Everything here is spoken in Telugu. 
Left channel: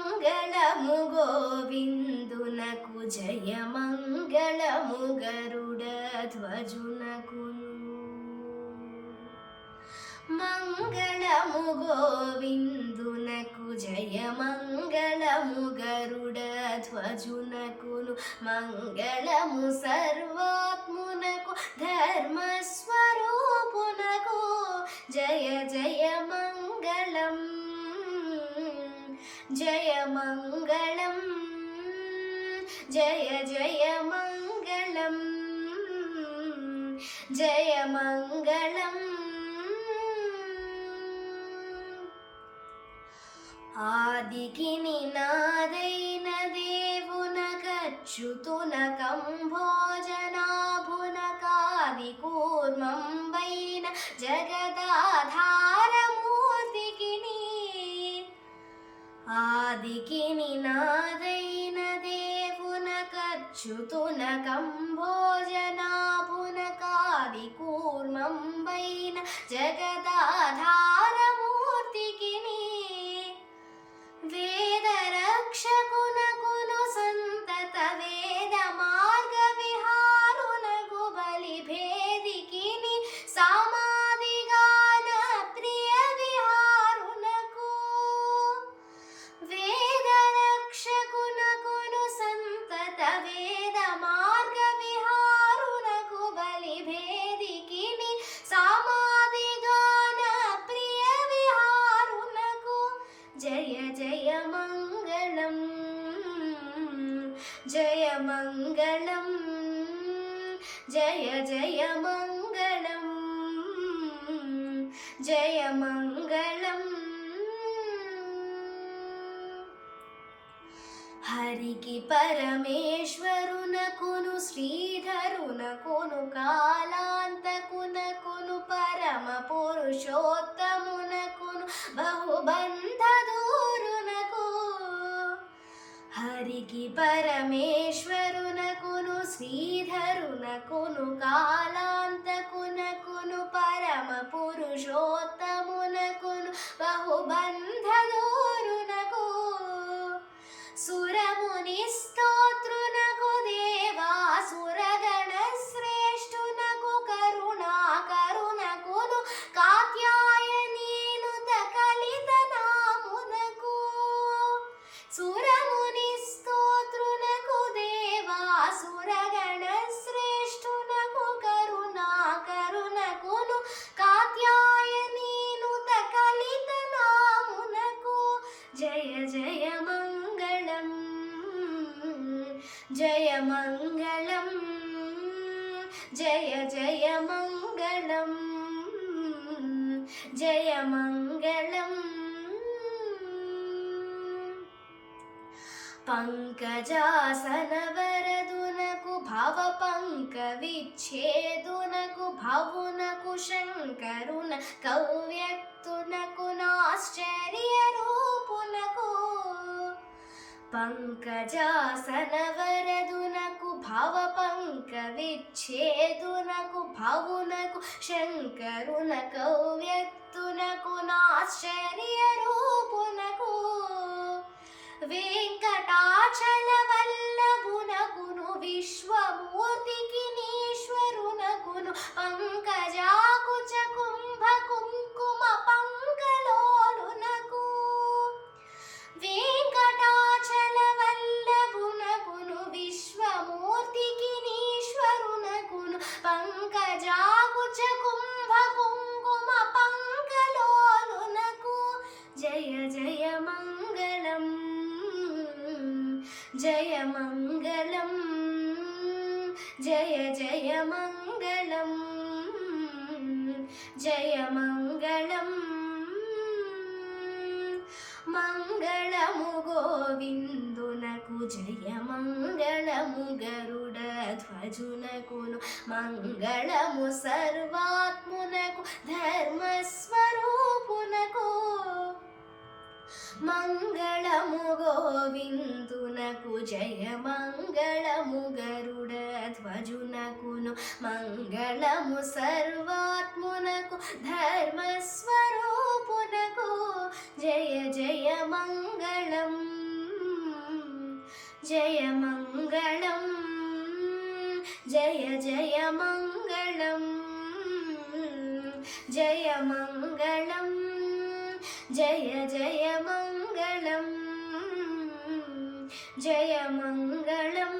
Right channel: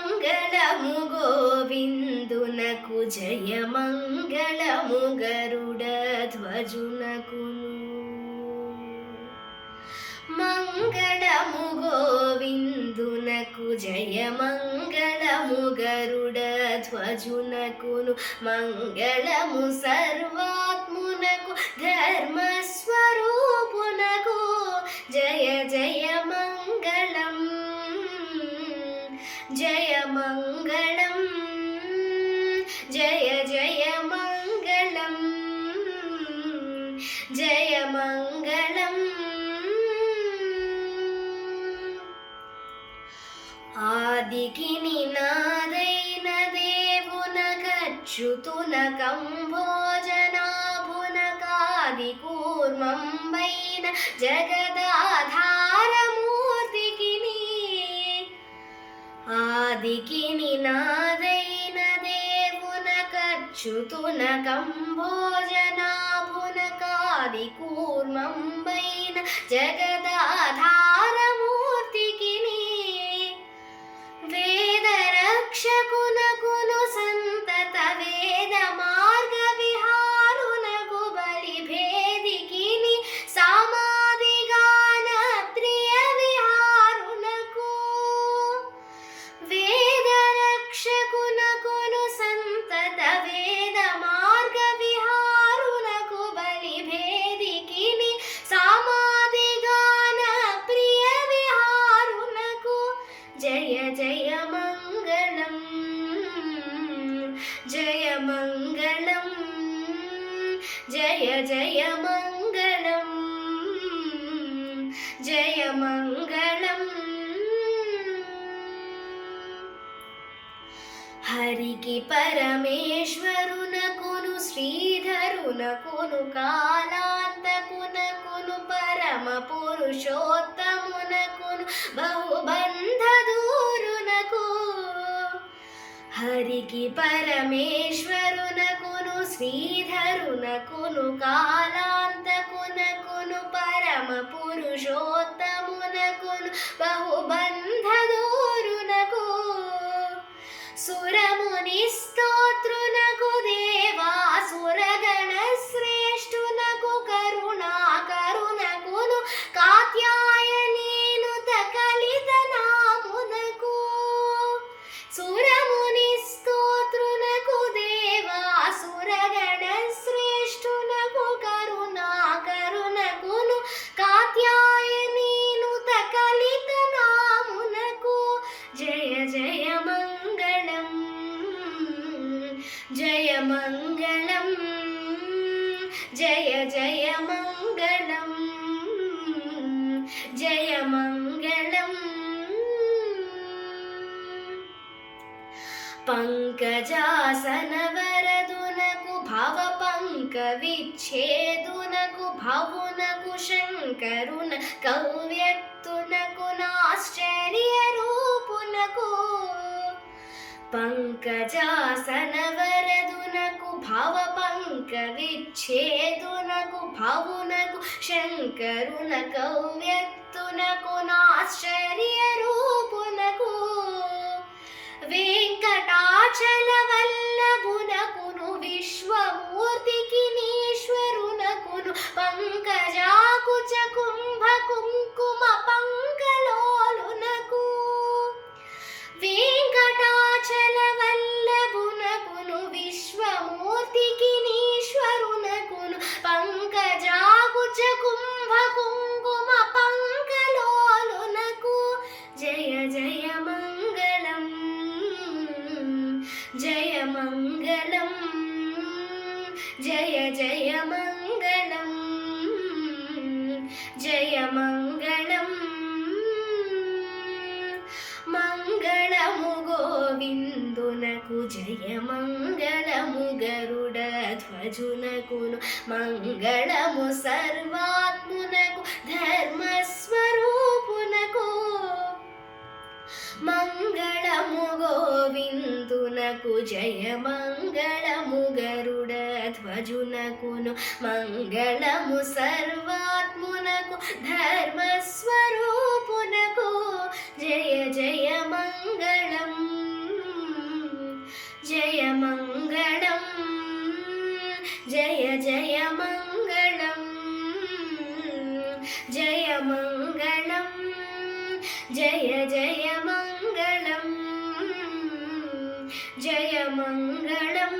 మంగళము గోవిందునకు జయ మంగళము గరుడ ధ్వజునకును. మంగళము గోవిందునకు జయ మంగళము గరుడ ధ్వజునకును. మంగళము సర్వాత్మునకు ధర్మస్వరూపునకు జయ జయ మంగళం జయ మంగళం జయ జయ మంగళం జయ మంగళం. ఆదికి నినాదైన దేవునకచ్యుతునకంభోజనాభునకాది కూర్మంబైన జగదాధారమూర్తికి ఆదికి నినాదైన దేవునకచ్యుతునకంభోజనాభునకాది కూర్మంబైన జగదాధారమూర్తికి వేదరక్షకునకును సంతత వేద మార్గ విహారునకు బలిభేదికిని సామాదిగాన ప్రియ విహారునకు వేదరక్షకునకును సంతత వేద మార్గ విహారునకు బలిభేదికిని సామాదిగాన ప్రియ విహారునకు జయ జయ మంగళం జయ మంగళం జయ జయ మంగళం జయ మంగళం. హరికి పరమేశ్వరునకును శ్రీధరునకును కాలాంతకునకును పరమ పురుషోత్తమునకును బహుబంధదూరునకు హరికి పరమేశ్వరునకును శ్రీధరునకును కాలాంతకునకును పరమ పురుషోత్తమునకును బహుబంధదూరునకు సురముని స్తోత్రునకు దేవాసురగణ శ్రేష్ఠునకు కరుణాకరునకును కాత్యాయనీనుత కలిత నామునకు సురముని స్తోత్రునకు దేవాసురగణ శ్రేష్ఠునకు కరుణాకరునకును కాత్యాయనీనుత కలిత నామునకు జయ జయ మంగళం జయ మంగళం జయ జయ మంగళం జయ మంగళం. పంకజాసనవరదునకు భవ పంక విచ్ఛేదునకు భవునకు శంకరున కవ్యక్తునకు నాశ్చర్య రూపునకు పంకజాసనవరదునకు భవ పంక విచ్ఛేదునకు భవునకు శంకరున కవ్యక్తునకు నాశ్చర్య రూపునకు వెంకటాచల వల్లభునకును విశ్వమూర్తికి నీశ్వరునకును పంకజాకుచ కుంభ కుంకుమ పంకలోలునకు వెంకటాచల వల్లభునకును విశ్వమూర్తికి నీశ్వరునకును పంకజాకుచ కుంభ కుంకుమ పంకలోలునకు జయ జయ మంగళం జయ మంగళం జయ జయ మంగళం జయ మంగళం. మంగళము గోవిందునకు జయ మంగళము గరుడ ధ్వజునకును. మంగళము సర్వాత్మునకు ధర్మస్వరూపునకు. మంగళము గోవిందునకు జయ మంగళము గరుడ ధ్వజునకును. మంగళము సర్వాత్మునకు ధర్మస్వరూపునకు జయ జయ మంగళం. జయ మంగళం జయ జయ మంగళం జయ మంగళం జయ జయ మంగళం జయ మంగళం